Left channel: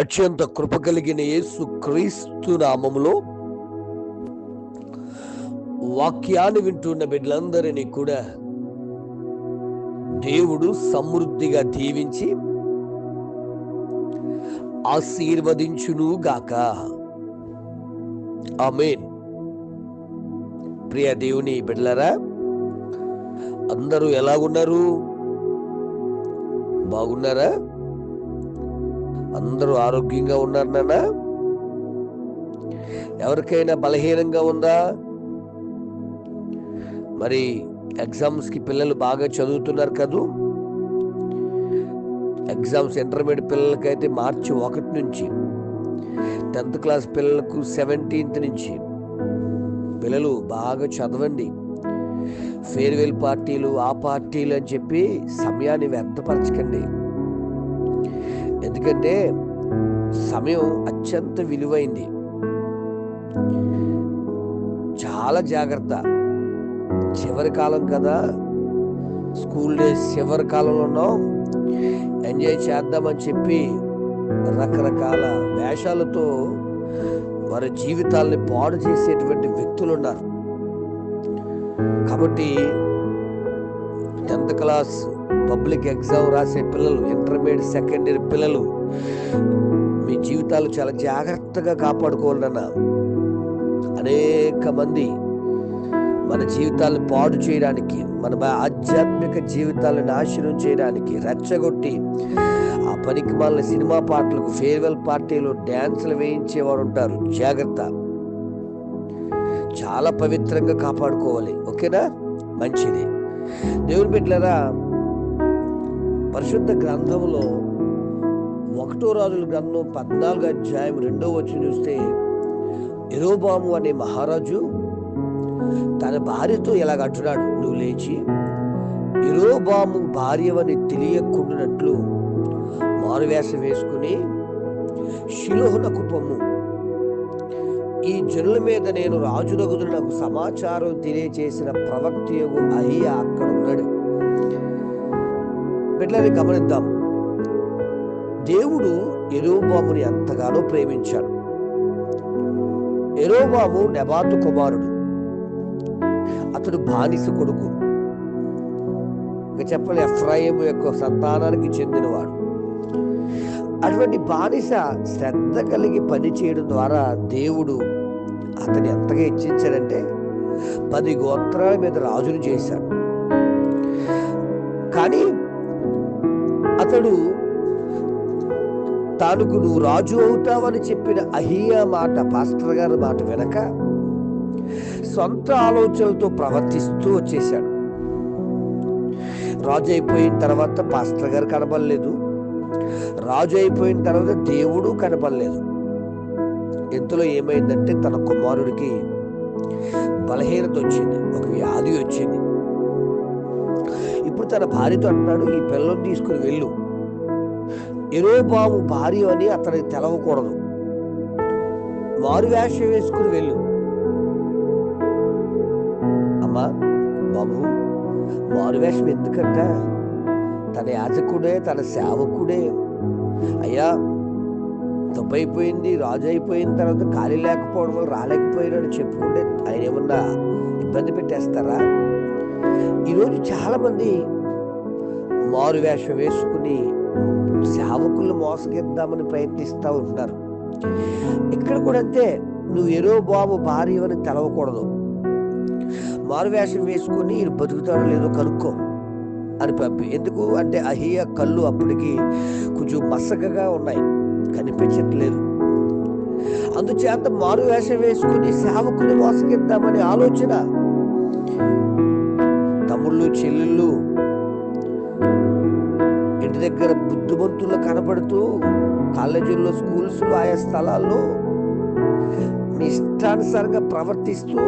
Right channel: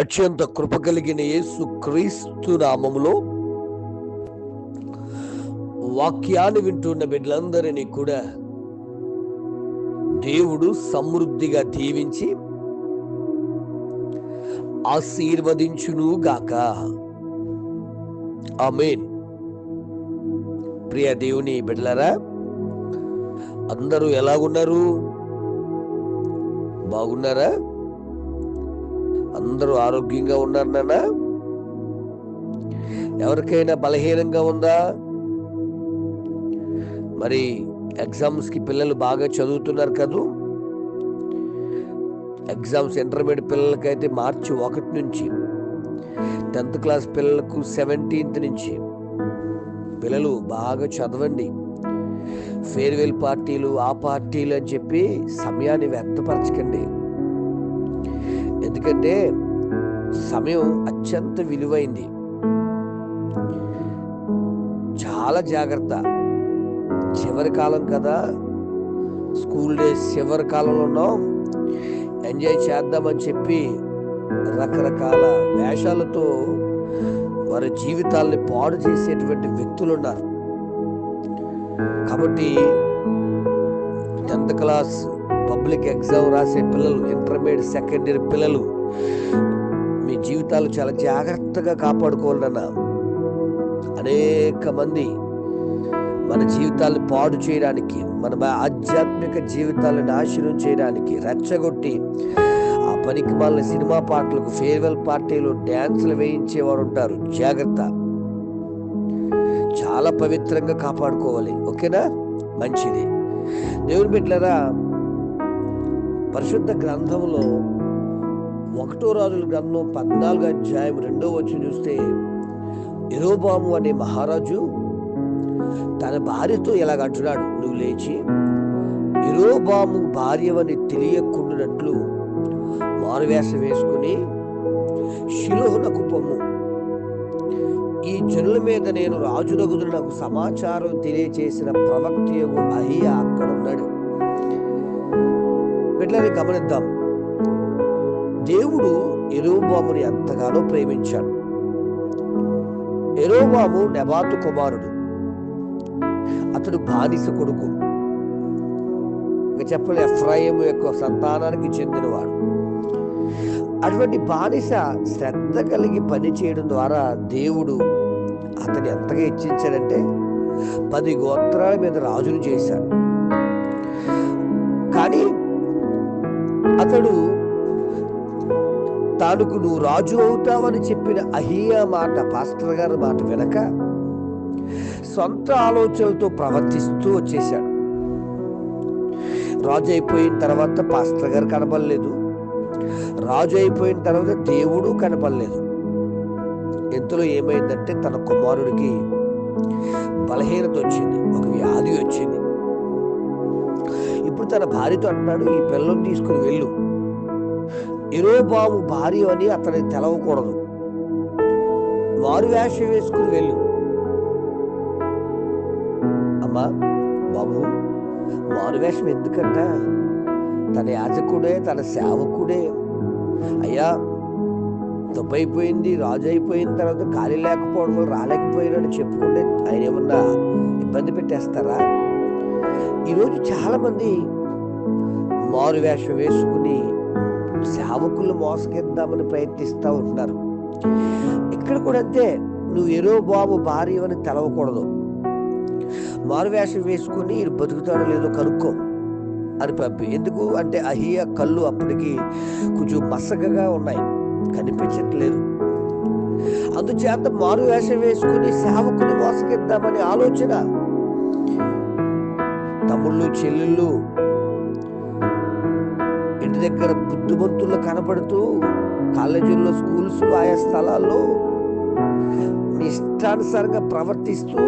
అత్యంత కృప కలిగిన యేసు క్రీస్తు నామములో వాక్యాన్ని వింటున్న బిడ్డలందరినీ కూడా దేవుడు సమృద్ధిగా దీవించి ఆశీర్వదించును గాక. ఆమేన్. ప్రియ దేవుని బిడ్డలారా, అందరూ ఎలాగున్నారు? బాగున్నారా? అందరూ ఆరోగ్యంగా ఉన్నారు నాన్న? ఎవరికైనా బలహీనంగా ఉందా? మరి ఎగ్జామ్స్కి పిల్లలు బాగా చదువుతున్నారు కదూ. ఎగ్జామ్స్ ఇంటర్మీడియట్ పిల్లలకైతే మార్చి 1 నుంచి, 10th క్లాస్ పిల్లలకు 17th నుంచి. పిల్లలు బాగా చదవండి. ఫేర్వెల్ పార్టీలు, ఆ పార్టీలు అని చెప్పి సమయాన్ని వ్యర్థపరచకండి. ఎందుకంటే సమయం అత్యంత విలువైంది. చాలా జాగ్రత్త. చివరి కాలం కదా, స్కూల్ డేస్ చివరి కాలంలో ఉన్నాం. ఎంజాయ్ చేద్దామని చెప్పి రకరకాల వేషాలతో వారి జీవితాల్ని పాడు చేసేటువంటి వ్యక్తులు ఉన్నారు. కాబట్టి 10th క్లాస్ పబ్లిక్ ఎగ్జామ్ రాసే పిల్లలు, ఇంటర్మీడియట్ సెకండ్ ఇయర్ పిల్లలు, మీ జీవితాలు చాలా జాగ్రత్తగా కాపాడుకోవాలన్న. అనేక మంది మన జీవితాలను పాడు చేయడానికి, మన ఆధ్యాత్మిక జీవితాలను నాశనం చేయడానికి రెచ్చగొట్టి ఆ పనికి మాలిన సినిమా పాటలకు, ఫేర్వెల్ పార్టీలు, డ్యాన్సులు వేయించేవారు ఉంటారు. జాగ్రత్త. చాలా పవిత్రంగా కాపాడుకోవాలి. ఓకేనా? మంచిది. దేవుని బిడ్డలారా, పరిశుద్ధ గ్రంథంలో 1 రాజుల గ్రంథం 14వ అధ్యాయం 2వ వచనం చూస్తే, యెరోబాము అనే మహారాజు తన భార్యతో ఇలాగంటున్నాడు, నువ్వు లేచి యెరోబాము భార్యవని తెలియకుండానట్లు మారువేషం వేసుకుని షిలోహునకు పొమ్ము. ఈ జనుల మీద నేను రాజునగుదును నాకు సమాచారం తెలియచేసిన ప్రవక్తయగు అహియా అక్కడ ఉన్నాడు. బిడ్డలని గమనిద్దాం. దేవుడు యెరోబాముని ఎంతగానో ప్రేమించాడు. యెరోబాము నెబాతు కుమారుడు. అతడు బానిస కొడుకు. ఇంకా చెప్పాలి, ఎఫ్రాయిము యొక్క సంతానానికి చెందినవాడు. అటువంటి బానిస శ్రద్ధ కలిగి పని చేయడం ద్వారా దేవుడు అతన్ని ఎంతగా హెచ్చించాడంటే 10 గోత్రాల మీద రాజును చేశాడు. కానీ అతడు తానుకు నువ్వు రాజు అవుతావని చెప్పిన అహియా మాట, పాస్టర్ గారి మాట వెనక సొంత ఆలోచనలతో ప్రవర్తిస్తూ వచ్చేశాడు. రాజు అయిపోయిన తర్వాత పాస్టర్ గారు కనపడలేదు. రాజు అయిపోయిన తర్వాత దేవుడు కనపడలేదు. ఇంతలో ఏమైందంటే తన కుమారుడికి బలహీనత వచ్చింది, ఒక వ్యాధి వచ్చింది. ఇప్పుడు తన భార్యతో అంటున్నాడు, ఈ పిల్లని తీసుకుని వెళ్ళు. యెరోబాము భార్య అని అతనికి తెలవకూడదు. మారువేషం వేసుకుని వెళ్ళు. అమ్మా బాబు, మారువేషం ఎందుకంట? తన యాజకుడే, తన సేవకుడే. అయ్యా తప్పైపోయింది, రాజు అయిపోయిన తర్వాత ఖాళీ లేకపోవడం వల్ల రాలేకపోయినాడు చెప్పుకుంటే ఆయన ఏమన్నా ఇబ్బంది పెట్టేస్తారా? ఈరోజు చాలామంది మారువేషం వేసుకుని సేవకులు మోసగిద్దామని ప్రయత్నిస్తూ ఉంటున్నారు. ఇక్కడ కూడా అంతే. నువ్వు యెరోబాము భార్య అని తెలవకూడదు. మారువేషం వేసుకొని బతుకుతాడో లేదో కనుక్కో అని పంపి. ఎందుకు అంటే అహియా కళ్ళు అప్పటికి కొంచెం మసకగా ఉన్నాయి, కనిపించట్లేదు. అందుచేత మారువేషం వేసుకుని సేవకుని మోసగిద్దామని ఆలోచన. తమ్ముళ్ళు, చెల్లెళ్ళు ఇంటి దగ్గర బుద్ధిమంతుల్లో కనపడుతూ, కాలేజీల్లో, స్కూల్స్లో, ఆయా స్థలాల్లో మీ ఇష్టానుసారంగా ప్రవర్తిస్తూ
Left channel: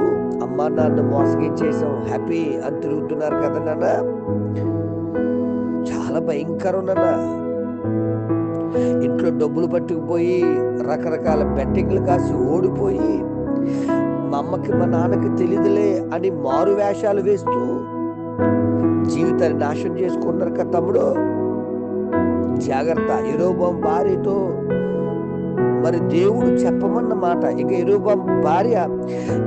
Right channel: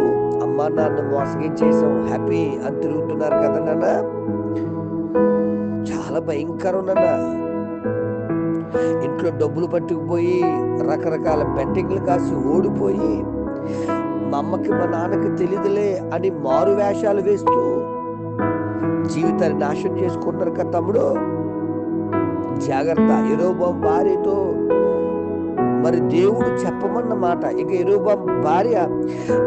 అమ్మా నాన్న మోసగించేసాం, హ్యాపీ అని తిరుగుతున్నారు కదా నాన్న. చాలా భయంకరం నాన్న. ఇంట్లో డబ్బులు పట్టుకుపోయి రకరకాల బెట్టింగ్లు కాసి ఓడిపోయి, మా అమ్మకి మా నాన్నకి తెలియదులే అని మారు వేషాలు వేస్తూ జీవితాన్ని నాశనం చేసుకుంటున్నారు కదా తమ్ముడు. జాగ్రత్త. యెరోబాము భార్యతో మరి దేవుడు చెప్పమన్న మాట ఇక యెరొబాము భార్య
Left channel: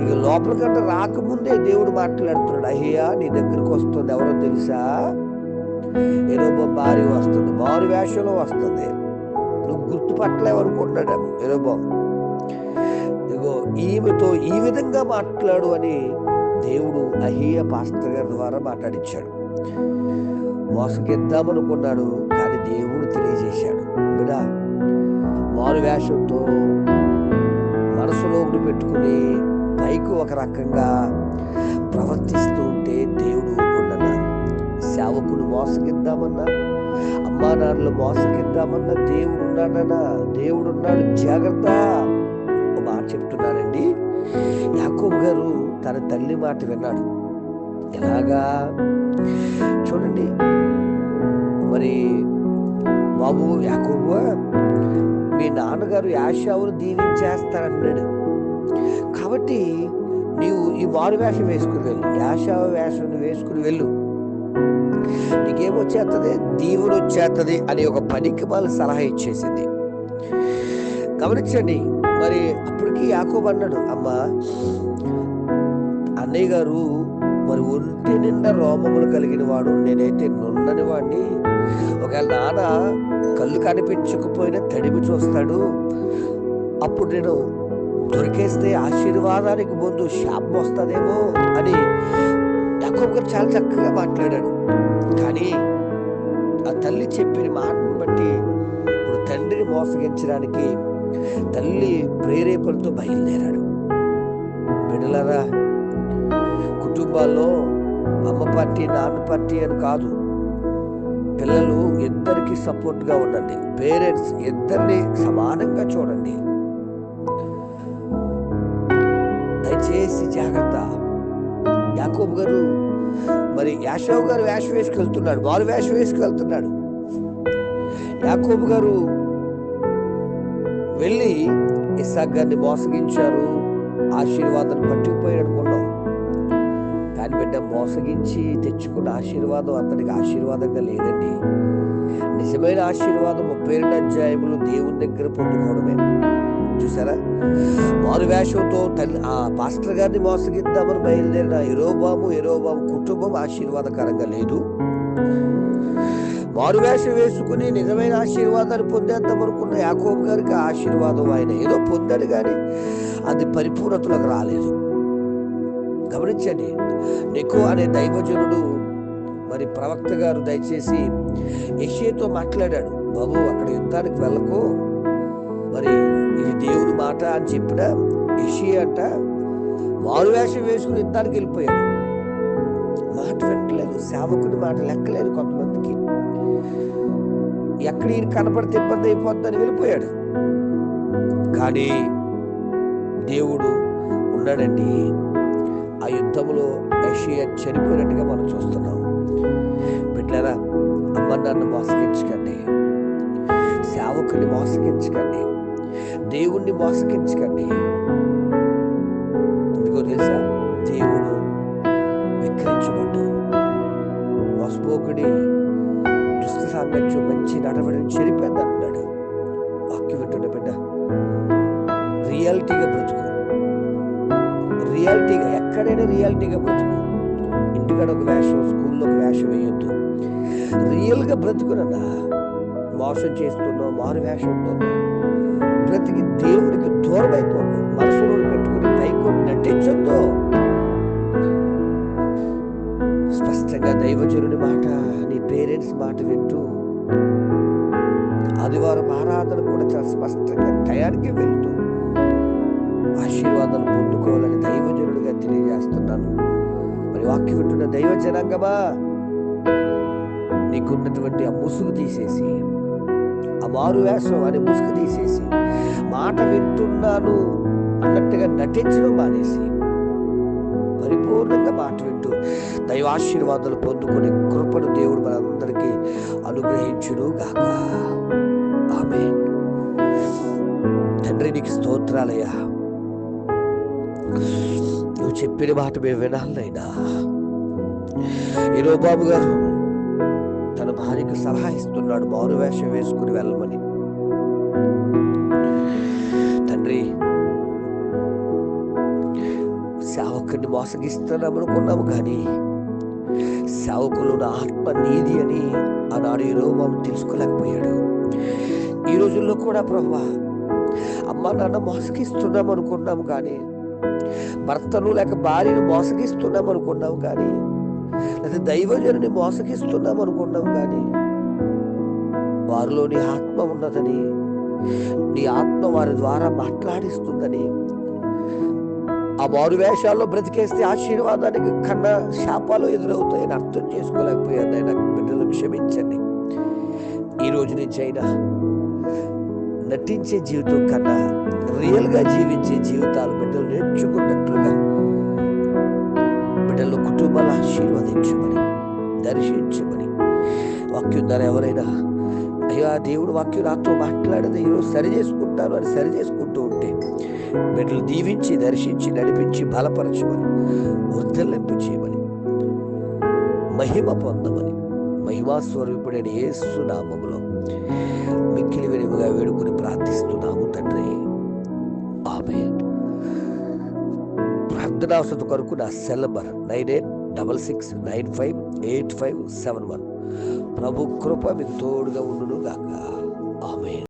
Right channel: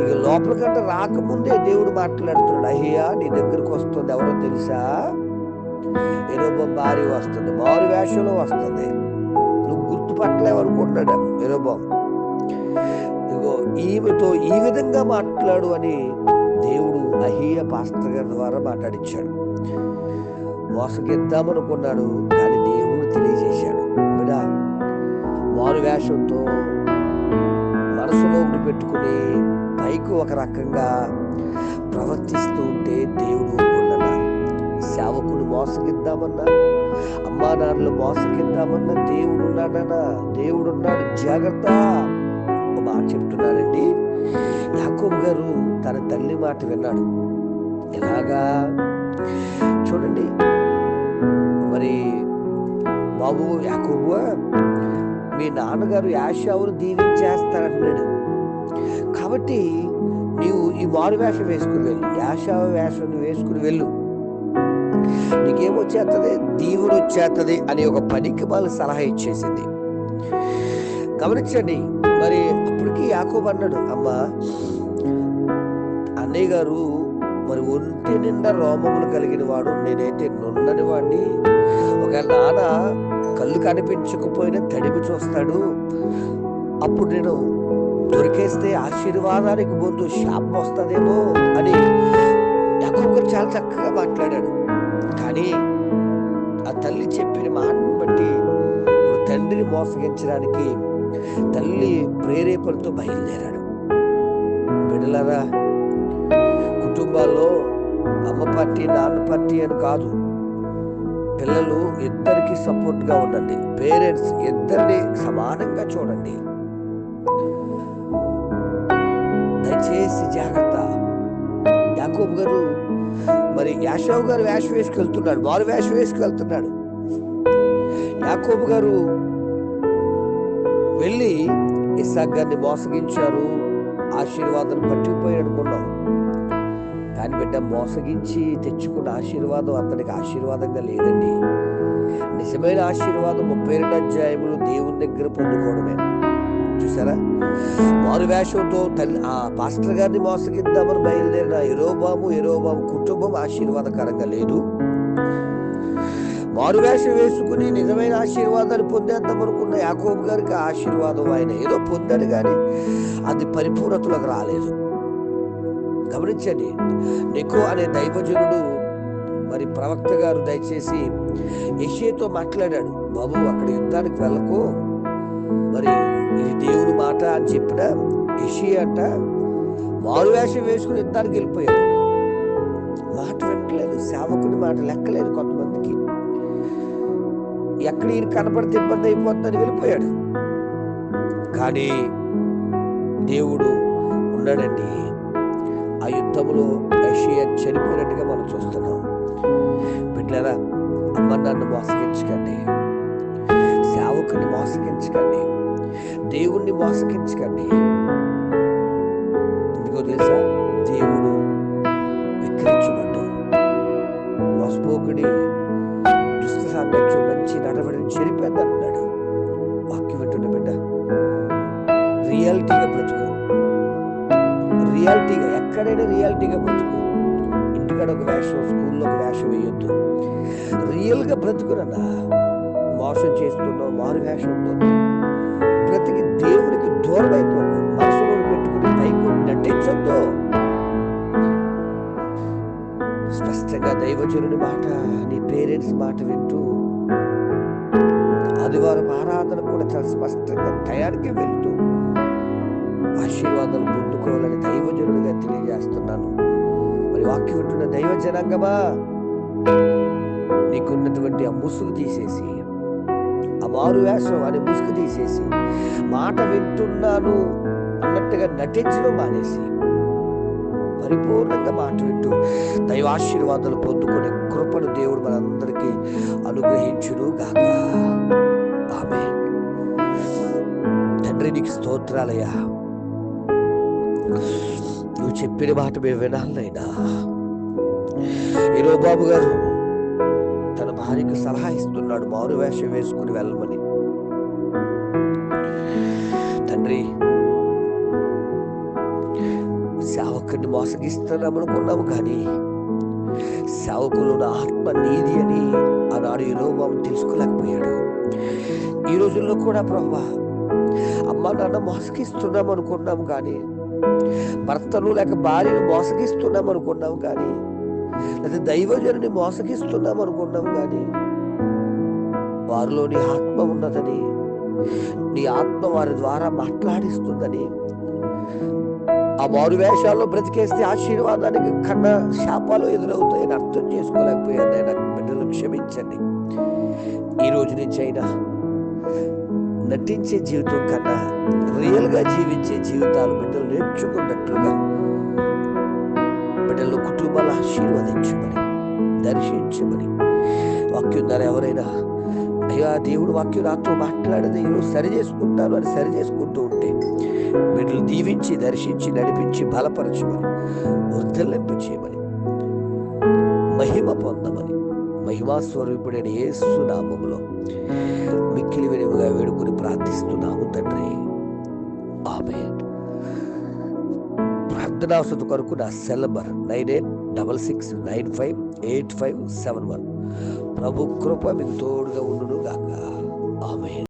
ఇక లోపలికంటే రాకముందే దేవుడు మాట్లాడుతున్నాడు. అయ్యా నీ దగ్గరకు వస్తుంది ఎవరో తెలుసా? యెరొబాము భార్య వస్తుంది, మారు వేషంలో వస్తుంది. నువ్వు గుర్తుపట్టలేవనుకుంటున్నాడు యెరొబాము. ఇగో ఈమెతో ఈ విధంగా మాట్లాడు అని దేవుడు అహీయా పాస్టర్ గారి ద్వారా మాట్లాడించాడు. మోసగిద్దామనుకున్నాడు, కానీ దేవుడు తెలియజేశాడు, బిడ్డ మారు వేషంతో మనసులో ఒకటి పెట్టుకుని పైకి ఒక రకంగా ప్రవర్తిస్తూ ఉంటే దేవుడు ఊరుకున్నా. సేవకుడు మోసగిద్దామన్నా, అమ్మా నాన్నలు మోసగిద్దామన్నా దేవుడు ఉన్నాడన్నా, దేవుడు ఉన్నాడు, జాగ్రత్త. ఒక మాట చెప్తున్నానండి, యాకోబు గారు తన తల్లి మాట విన్నాడు. ఎలాగా చూడండి, మరి బాబు యాకోబు మీ నాన్నగారు యాషావును దీవించేస్తారంటున్నాడు, కాబట్టి నీవు ఈ మారు వేషం వేసుకుని వెళ్ళు, యాషావు వేషం వేసుకుని వెళ్ళు, నీకేమొచ్చేస్తుంది, దీవుడు వచ్చేస్తుంది అని ఒక పనికి వాళ్ళు సలహా ఇచ్చేసింది. గమనించండి, మరి అప్పటికి యాకోబు అన్నాడు, అమ్మా అన్నయ్య గారు మరి ఒంటి నిండా రోమములు కలిగిన వాడు, నేనైతే నున్నని వాడిని, ఒకవేళ నాన్న కళ్ళు కనిపించకపోయినా తడిమి చూస్తాడు, అప్పుడు నేను దొరికేస్తే ఆశీర్వాదానికి ముందు శాపం వస్తుందేమో అని యాకోబు గారు చాలా చక్కగా మాట్లాడాడు. కానీ ఆ తల్లి చెప్పిన మాటను బట్టి ఇప్పుడు తండ్రిని మోసగించడానికి తల్లి ప్రేరేపణతో బయలుదేరాడు. బిడ్డలారా, కుటుంబాల్లో అమ్మ పార్టీ నాన్న పార్టీ అని కాదు, పిల్లలు ఇద్దరికి సపోర్ట్గా ఉండండి, పేరెంట్స్ ఇద్దరిని సమానంగా చూడండి. దయచేసి జాగ్రత్త. యాకోబు గారు మరి యాషావు గారు వేషం వేసుకెళ్తున్నాడు, వారు వేషం వేసుకెళ్తున్నాడు. యాకోబు గారు వెళ్ళి ఇస్సాకు గారిని మోసగించారు, ఆశీర్వాదాన్ని పట్టుకుపోయాడు అనుకున్నాం. కానీ బిడ్డ మోసగించి తెచ్చుకున్న ఆశీర్వాదం అతనికి ఆశీర్వాదంగా లేదండి. నిజమైన ఆశీర్వాదం 32 అధ్యాయములు దేవుని దగ్గర పొందుకోవడమే. చూసారా, మారు వేషంతో తల్లి ఆ పాస్టర్ గారిని మోసగిద్దామని బయలుదేరిన యెరొబాము కుటుంబం ఆశీర్వాదకరంగా లేదు. మారు వేషం వేసుకుని నిజమైన ఆశీర్వాదాన్ని పొందేద్దాం అనుకున్న యాకోబు గారికి ఆశీర్వాదం ఆయన ఏదో పొందాడు, కానీ అది పరిపూర్ణతలోకి రాలేదు. గమనించండి, నెకో అనే దైవజనుడు మరి ప్రవక్త గారు దయచేసి యెషయాతో మాట్లాడాడు, బాబు అక్కడ యుద్ధానికి వెళ్ళకు, మరి ఇది దేవుని మాట అని చెప్పిన యెషయా అంట మారు వేషం వేసుకుని యుద్ధానికి వెళ్ళిపోయాడు. మాట వినట్లేదు, సేవకుని మాట లెక్కలేదు. కొంతమందికి ఎక్కడ ఈయన కనపడితే ఇబ్బంది అయిపోద్దని వెళ్ళిపోయాడు. కానీ దేవుడు ఉన్నాడండి. ఆ యుద్ధంలో యెషయా చనిపోయినట్టుగా మనం చూస్తున్నాం. బిడ్డలారా, అమ్మ నాన్న మోసగించకండి, సేవకుని మోసగించకండి, దేవుణ్ణి మోసగించకండి. ఎందుకో తెలుసా, దేవుడు విక్రించబడ్డు. మోసపోకుడి దుష్ట సాంగత్యం మంచి నడవడిని చెరిపోయింది అంటున్నాడు. వాక్యం వింటున్న బిడ్డ, రియాలిటీగా బ్రతుకు, రియాలిటీగా ఎక్కడైనా రియాలిటీగా బ్రతుకు. ఇంటికాడ ఒక వేషం, స్కూల్లో ఒక వేషం వేయొద్దు, రియల్గా బ్రతుకునన్నా. మోసం చేస్తున్నావు, మారు వేషంతో బ్రతికి దేవునికి దూరం అయిపోకు. మనసులో పెట్టుకుని పైకి నటించొద్దు. స్పష్టంగా దైవజనుని మాట, నీ పేరెంట్స్ మాట వింటూ ఆదివారం ఆరాధన కూడా చాలా స్పష్టంగా టయానికి వెళ్తూ ఆశీర్వాదాలు పొందుకోవాలని దైవజనుడిగా తెలియజేస్తున్నాను. మరి వాక్యం వింటున్న దైవ జనాంగమా, నీకున్నటువంటి ఆ ముసుగు తీసేసి, ఆ మారు వేషం అనే ముసుగు తీసేసి, మాట వింటున్నాను అన్నట్టుగా నటించడం మానేసి పరిపూర్ణంగా మాట వింటూ దైవాశీర్వాదాలు పొందుకునే కృపను దేవుడు మనందరికీ అనుగ్రహించును గాక. ఆమేన్. తండ్రి నీకు స్తోత్రాలయ్యా, నువ్వు చెప్పిన మాట మేము వినాలైనా. యెరొబాము గారు తన భార్యకు సలహా ఇస్తున్నాడు, మారు వేషం వేసుకుని వెళ్ళమని. తండ్రి, సేవకుని మోసగిస్తున్నాం అనుకున్నాము, కానీ సేవకులు నా ఆత్మ నీది అని ఆనాడు యెరొబాము తెలుసుకోలేకపోయాడు. ఈ రోజుల్లో కూడా ప్రభువా, అమ్మ నాన్న మోసగిస్తున్నాం అనుకున్నాము, కానీ భర్తను లేక భార్యను మోసగిస్తున్నాం అనుకున్నాం, కానీ లేదా దైవజనుని మోసగిస్తున్నాం అనుకున్నాం, కానీ వారిలో నీ ఆత్మ ఉన్నదని, నీ ఆత్మ వారి ద్వారా మాట్లాడిస్తుందని, ఆ మారు వేషాల్లో బ్రతికేస్తే ఆశీర్వాదానికి కన్నా శాపాలు ఎదురవుతాయని అర్థం చేసుకోలేకపోయాను. ఆయన బిడ్డలు క్షమించండి. ఈ రోజు నుంచి అయినా నటించే జీవితం కన్నా రియల్గా జీవించే జీవితాలు బిడ్డలు నేర్చుకున్నట్లుగా బిడ్డలు కుటుంబాలు ఆశీర్వదించమని, దర్శించమని. వాక్యం ద్వారా ఎవరైనా అయ్యా దేవుడు వాక్యం నాతో మాట్లాడేది ఈరోజు సరి చేసుకుంటాను అని సరి చేసుకుంటూ ఉంటే బిడ్డలు దీవించి, దర్శించి, నడిపించి, బలపరచమని, వర్ధలింప చేయమని, మహిమ పొందమని, మహిమాస్వరూపుడైన యేసు నామములో మిక్కిలి వినముగా వేడుకొని ప్రార్థిస్తున్నాము తండ్రి. ఆమేన్. ప్రార్థనావసరత కొరకు నా సెల్ నంబర్ 9866958571. ప్రభు కృప మీకు తోడుగా ఉండును గాక. ఆమేన్.